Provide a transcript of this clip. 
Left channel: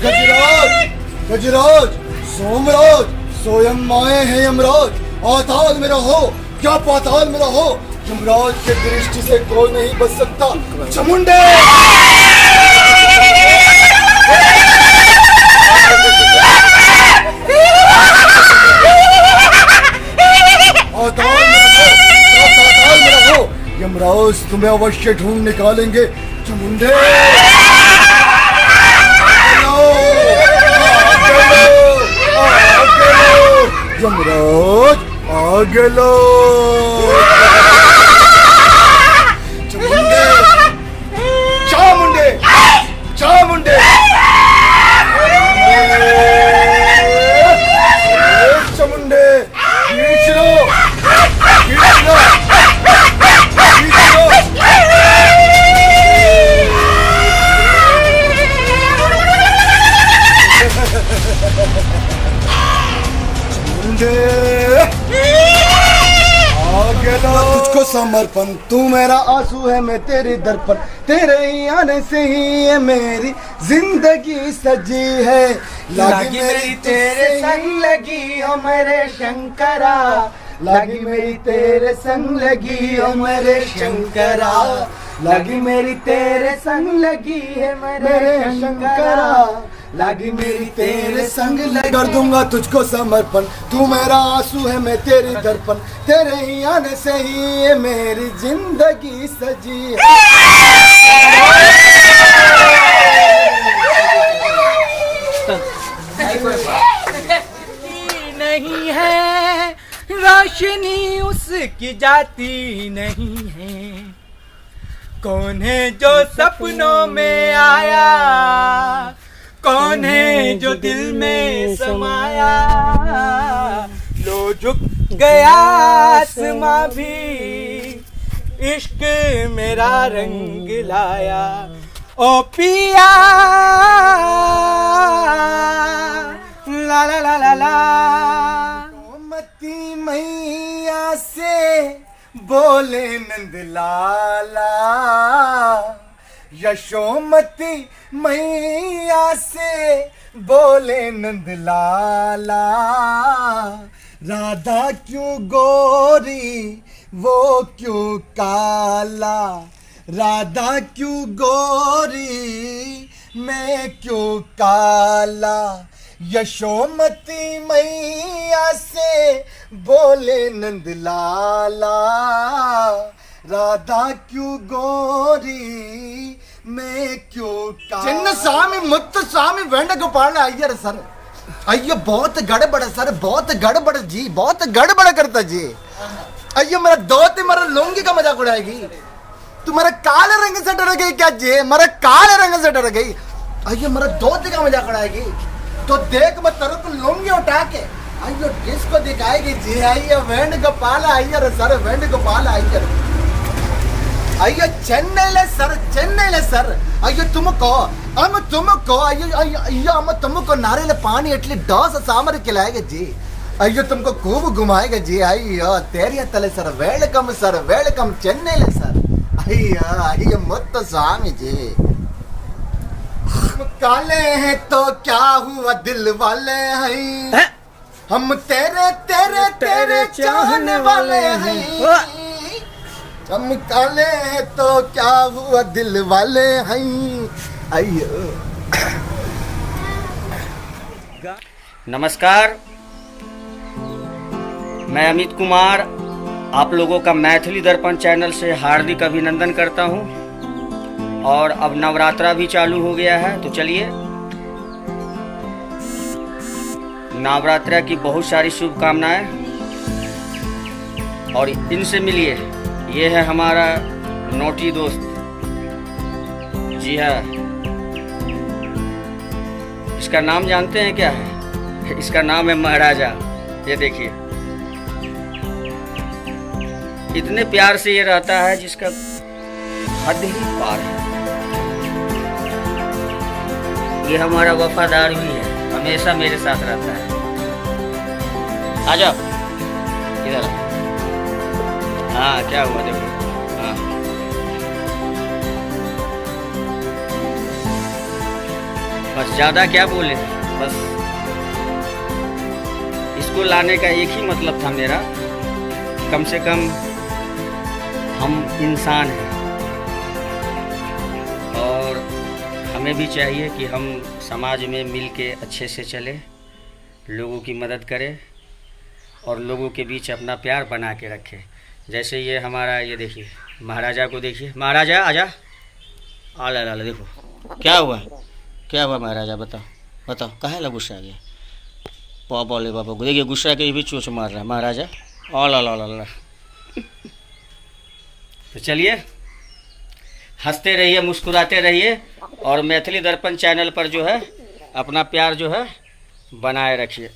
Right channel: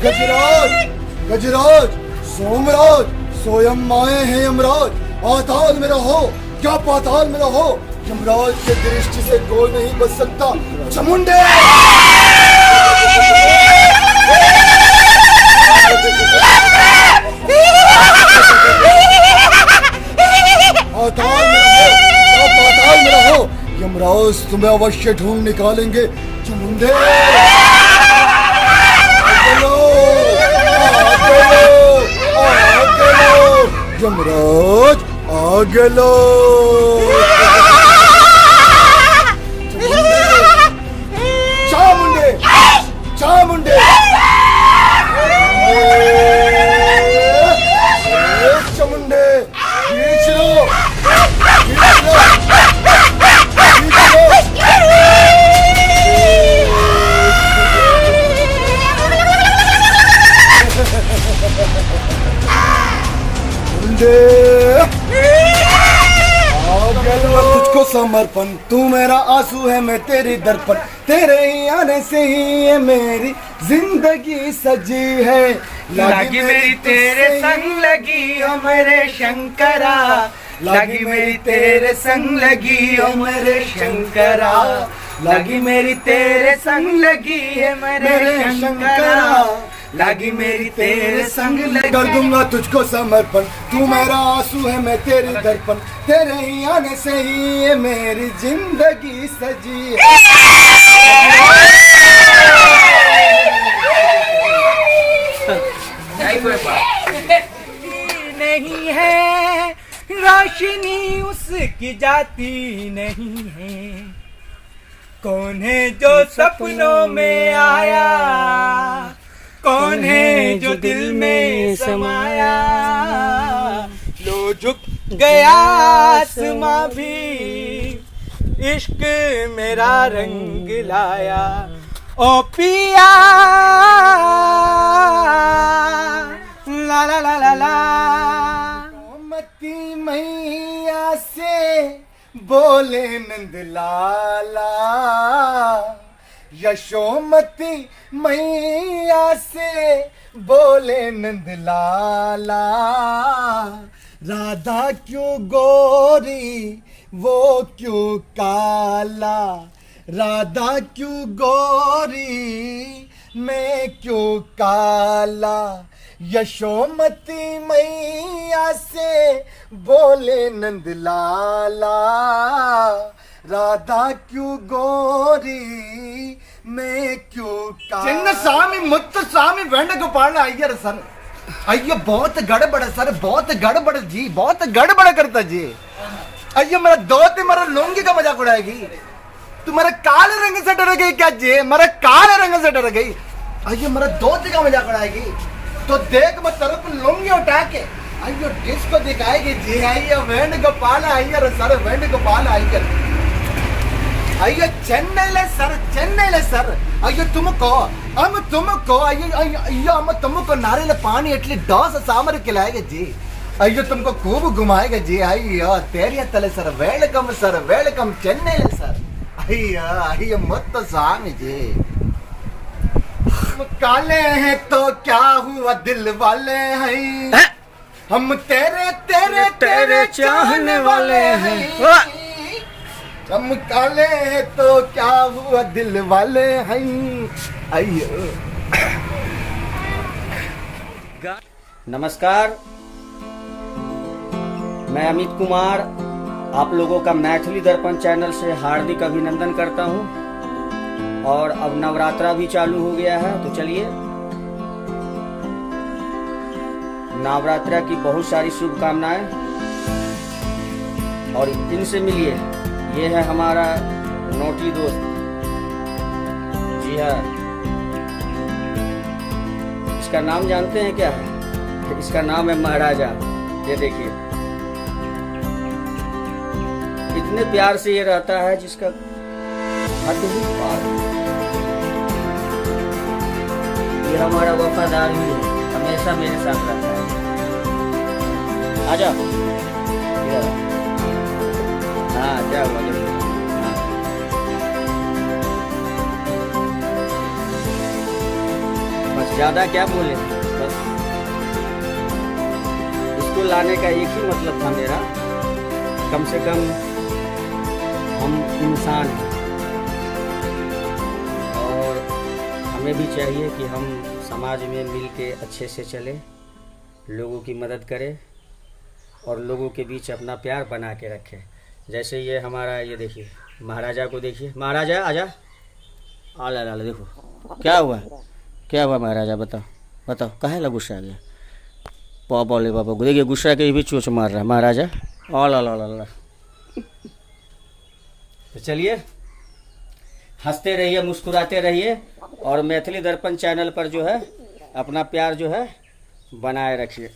गजराज, गजराज, सोमराज, सोयम माए हैं यमराज। आताल में रहो क्या पाताल में रहो, यमराज के दृष्टि से कोई नहीं बच सकता। चामुंडे पाताल में रहो, यमराज तुम्हें अवश्य ढूंढ निकालेंगे। चामुंडे यमराज आगे लो। चामुंडे, चामुंडे, चामुंडे, खींच लो, खींच लो, खींच लो। तुझको समर्पण, तू मेरा आंसू है, मैं तेरी दर्पण। तेरे ही आने से ही ये मेरी जिंदगी सजी है। लगी मेरी तेरे संग लगी ओ मेरे शंकरा, लगी मेरी तेरे संग लगी ओ मेरे शंकरा, लगी मेरी तेरे संग लगी है मेरे शंकरा, लगी मेरी तेरे संग लगी। कर दूंगा तुझको समर्पण, तू मेरा आंसू है, मैं तेरी दर्पण। तेरे ही आने से ही ये मेरी जिंदगी सजी है। नहीं है रोशनी उसकी जाती नहीं है, कौन है जो सपनों में आया, कौन है जो दिल में समाया। लो झुक गया आसमां भी, इश्क मेरा रंग लाया। ओ पिया ला ला ला ला ला। मती मैया से बोले नंद लाला, यशोमती मैया से बोले नंद लाला। राधा क्यों गोरी वो क्यों काला, राधा क्यों गोरी मैं क्यों काला। यशोमती मैया से बोले नंद लाला, राधा क्यों गोरी मैं क्यों काला। చిన్న స్వామి ముత్తు స్వామి వేణుగోపాल अय्यर सर, अय्यो बहुत गड़बड़ है सर, बहुत गड़बड़ जी, बहुत गड़बड़ करता जी। अय्यो मेरा दोस्त मेरा लुंगी का मजाक उड़ाएगी, तू मेरा काले रंग से डर गई क्या जी, मेरा काले रंग से डर गई। अय्यो मेरा दोस्त का मजाक उड़ाएगी तो देख मैं तेरे को लुंगी उठा के अय्यो डिस्को दिखाएगी जी। अय्यो वेणुगोपाल अय्यर सर, वेणुगोपाल अय्यर। अय्यो चेन्नईले सर, चेन्नईले सर। अय्यो तुमको अय्यो हम तुमको नारियल पानी इडली डोसा सांबर खिलाएंगे जी। अय्यो तुमको खूब घुमाएगा जी। अय्यो तेरिया तले सर, वेलकम सर, वेलकम चेन्नईले सर। अय्यो अय्यो मुत्तु स्वामी जी। हम काले हैं तो क्या हुआ दिल वाले हैं, हम तेरे तेरे तेरे चाहने वाले हैं। हम काले हैं तो क्या हुआ दिल वाले हैं। अय्यो नमस्कार, मैं अमित कुमार आप लोगों का मैथिली दर्पण चैनल से हार्दिक अभिनंदन करता हूं। और अब नवरात्रा भी चालू हो गया है, तो चलिए नवरात्रा की बहुत सारी शुभकामनाएं और इनसे मिलिए। ये है हमारा नोटी दोस्त, जी हाँ। इसका नाम जानते हैं क्या है? इसका नाम है महाराजा। ये देखिए इतने प्यार से ये रहता है जिसका हद ही पार है। ये हमारा वफादार भी है, हमेशा मेरे साथ रहता है। आ जाओ इधर, हाँ क्या हुआ देखो। हाँ बस ज़्यादा क्या बोले, बस इसको लाने का एक ही मतलब था मेरा, कम से कम हम इंसान हैं और हमें भी चाहिए कि हम समाज में मिल के अच्छे से चलें, लोगों की मदद करें और लोगों के बीच अपना प्यार बना के रखें। जैसे ये हमारा, ये देखिए महाराजा को देखिए, महाराजा आजा, आला ला देखो क्या हुआ, क्या हुआ महाराजा, बताओ बताओ, काहे ला गुस्सा आ गया, पापा ले पापा, देखिए गुस्सा के भी चोच मार रहा है महाराजा, ला ला ला ला। तो चलिए हंसते रहिए, मुस्कुराते रहिए और मैथिली दर्पण चैनल पर जो है अपना प्यार जो है बनाए रखिए।